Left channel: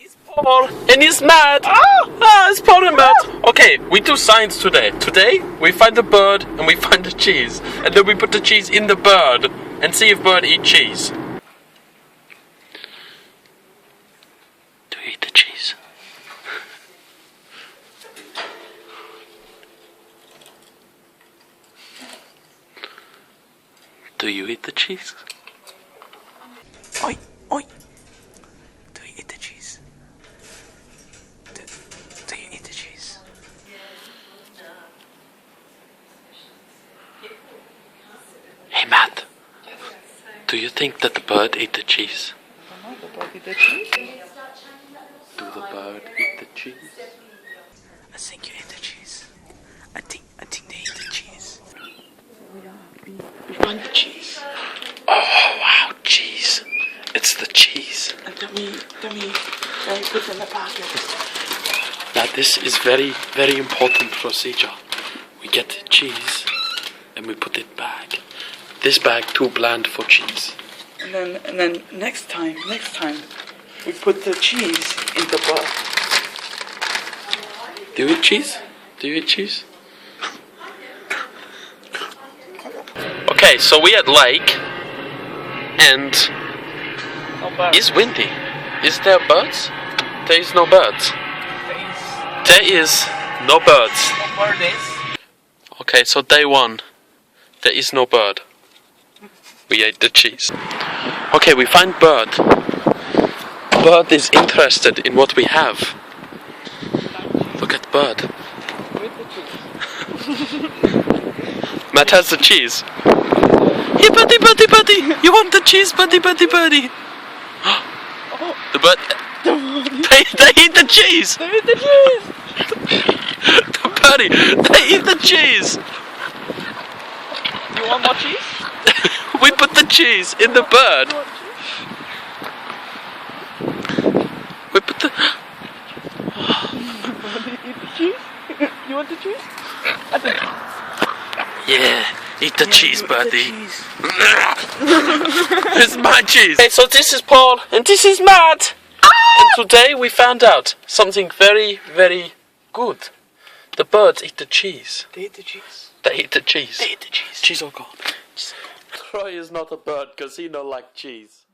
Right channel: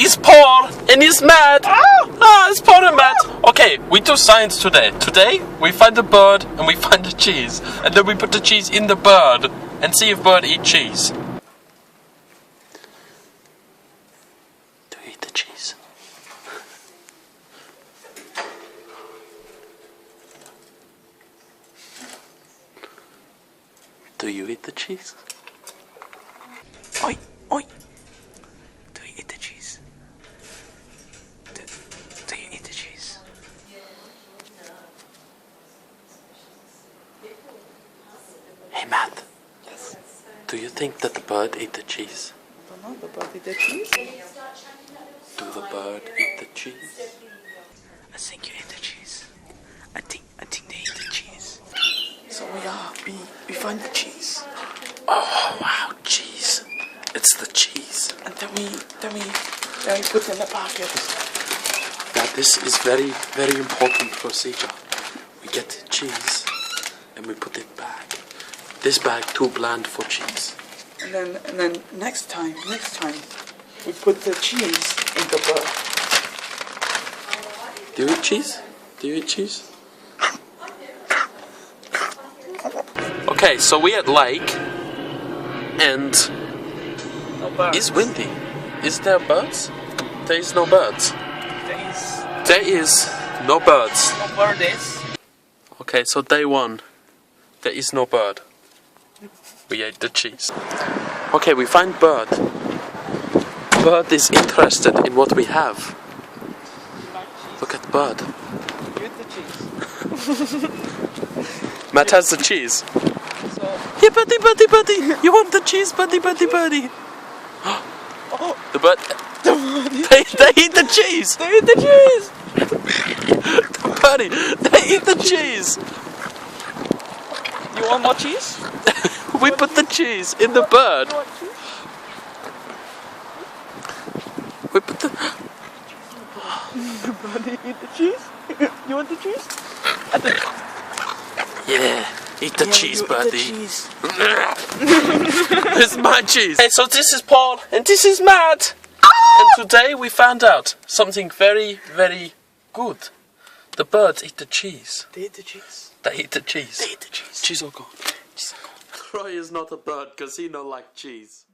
is Paul and he's mad. It's Paul and mad. Okay, we do science today. Today we find a bird and we find the cheese, and then we put the cheese in the bird and see if bird eat cheese. Do you eat the cheese? Do you eat the cheese? Oi, oi. Do you eat the cheese? Do you eat the cheese? Hey Matt, do you think that the bird ate the cheese? I don't know, the bird eat the cheese? Do the bird eat the cheese? I think you ate the cheese. I think they eat the cheese. So we find the cheese. Oh wow, cheese. It's the cheese. And then we put it in the pocket. Now this is very, very important procedure. We get the cheese and we put it back. This bag too bland for cheese. And then next time we put the cheese in the bird. Do you eat cheese? Do you eat cheese? Okay, so we at lake and No bird. it's windy. Is there birds? There is no birds. There is no birds. No bird is. Okay, so day one. There is no bird. We ate the cheese. Okay, we find bird. Bird is interested in what we have. Look at bird. Matt has the cheese. Here, buddy, buddy, buddy. You want the cheese, buddy, buddy, buddy? The bird. They eat the cheese. They eat the cheese. The buddy. They eat the cheese. You want more cheese? We put the cheese in the bird. We put the. Eat the cheese? You want the cheese? Yeah, eat the cheese, The buddy. cheese. It's my cheese. Okay, so this is Paul and this is Matt. And today we found out something very, very good. The birds eat the cheese. They eat the cheese. They eat the cheese. They eat the cheese. Cheese all gone. Troy is not a bird because he don't like cheese.